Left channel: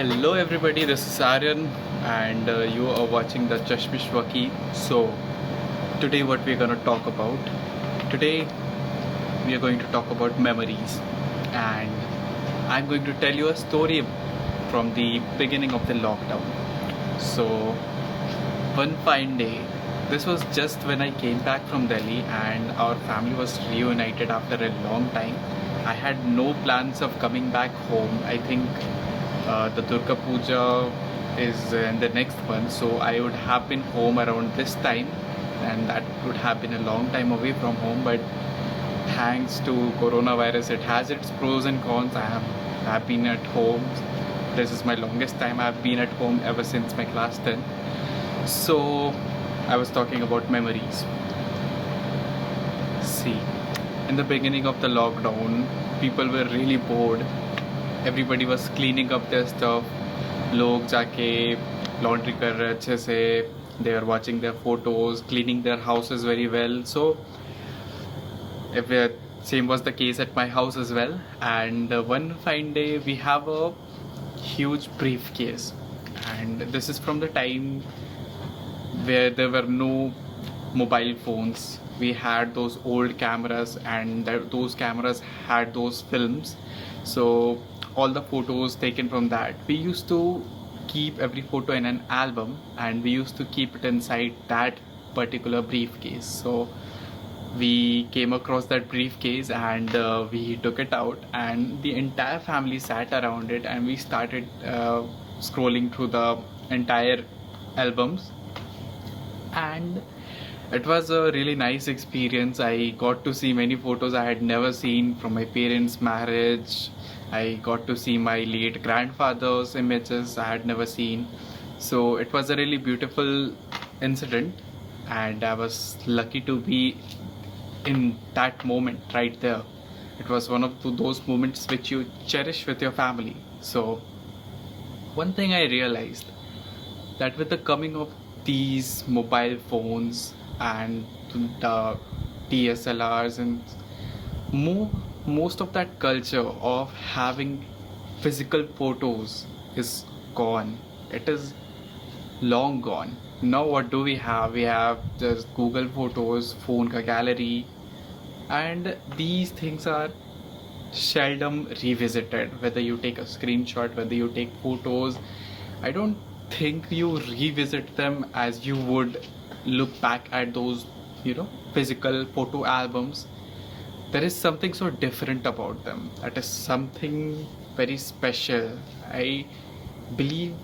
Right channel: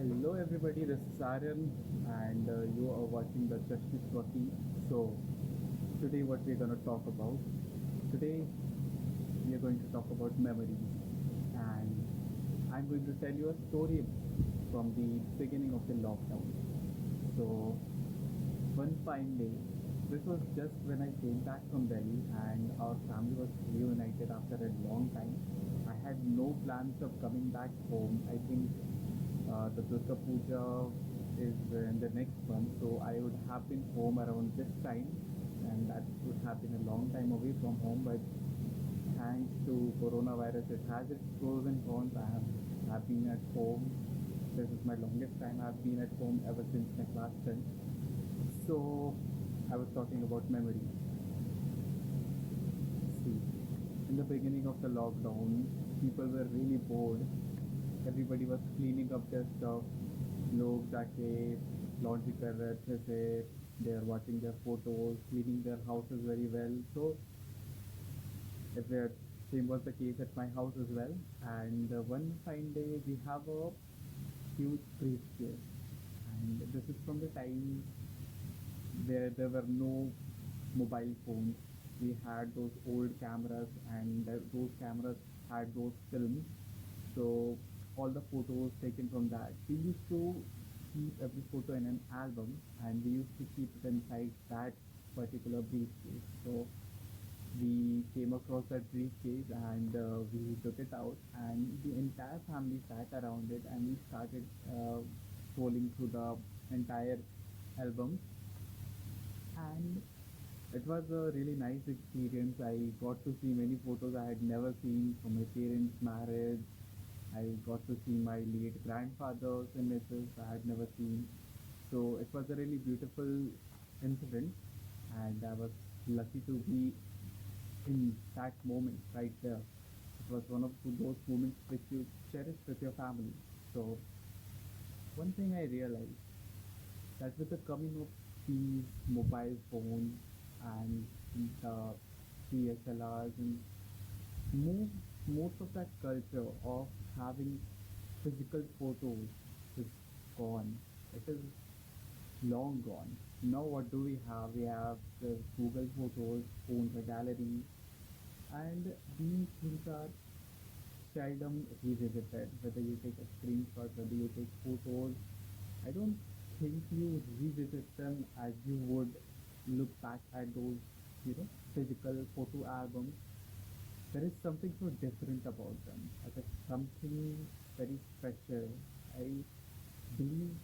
Hello everybody, this is Aryan and you are watching the Chashmish Waki. So today what we're going to talk about? Today we are going to talk about memories, and I'm going to tell you a story from the beginning of the lockdown. So one fine day, this was just when I came back from Delhi and our family was reunited after a long time. I had no plans of coming back home. I think the Durga Puja is in the next month, so I would have been home around this time, and that would have been a long time away from home. But thanks to coronavirus, it has its pros and cons. Have been at home. This is my longest time I've been at home ever since my class 10. So I was talking about memories. See, in the beginning of the lockdown, people were really bored. Everybody was cleaning up their stuff. लोग जाके laundry कर रहे अच्छे से. They are watching their photos, cleaning their houses very well. So if same was the case at my house as well. And one fine day we have a huge briefcase, and this is from the time where there were no mobile phones. We had those old cameras, and those cameras had those films. So all the photos taken from that, we used to keep every photo in an album, and we used to keep it inside that particular briefcase. So we came across that briefcase, and we took it out, and the entire family sat around it, and we started scrolling through the entire albums. And it was a really nice experience. I got to see many photos I had never seen from my parents' marriage. I got to see my late grandfather's images I had never seen. So it was a really beautiful incident, and I was lucky to be in that moment right there. It was one of those moments which you cherish with your family. So one thing I realized, that with the coming of these mobile phones and the DSLRs, and most of that culture of having physical photos is gone. It is long gone. Now what do we have? We have just Google Photos, phone ka gallery, and these things are seldom revisited. Whether you take a screenshot, whether you take photos, I don't think you revisit them as you would look back at those, physical photo albums. There is something so different about them. That is something very special. I believe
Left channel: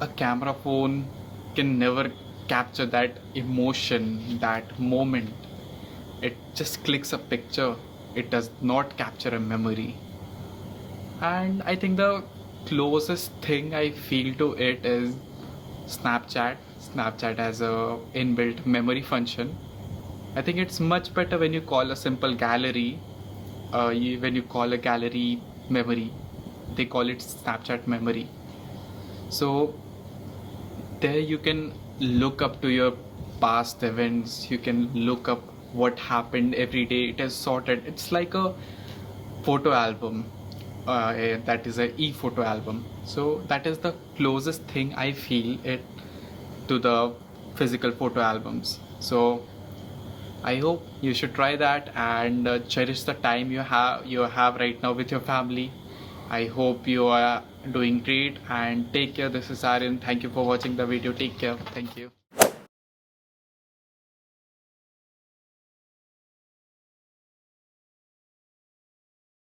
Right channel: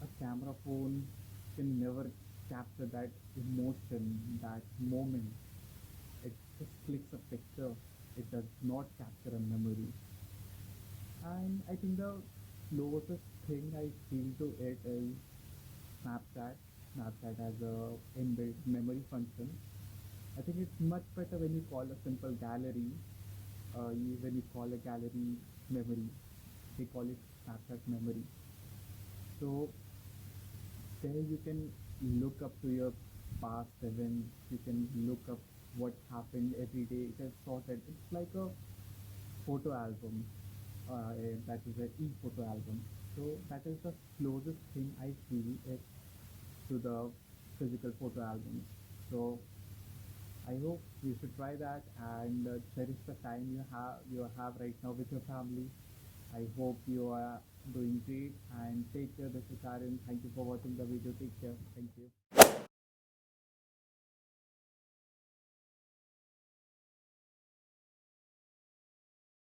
a camera phone can never capture that emotion, that moment. It just clicks a picture. It does not capture a memory. And I think the closest thing I feel to it is Snapchat. Snapchat has a inbuilt memory function. I think it's much better when you call a simple gallery, when you call a gallery memory, they call it Snapchat memory. So there you can look up to your past events, you can look up what happened every day. It is sorted. It's like a photo album, that is a e-photo album. So that is the closest thing I feel it to the physical photo albums. So I hope you should try that, and cherish the time you have right now with your family. I hope you are doing great, and take care. This is Aryan. Thank you for watching the video. Take care. Thank you.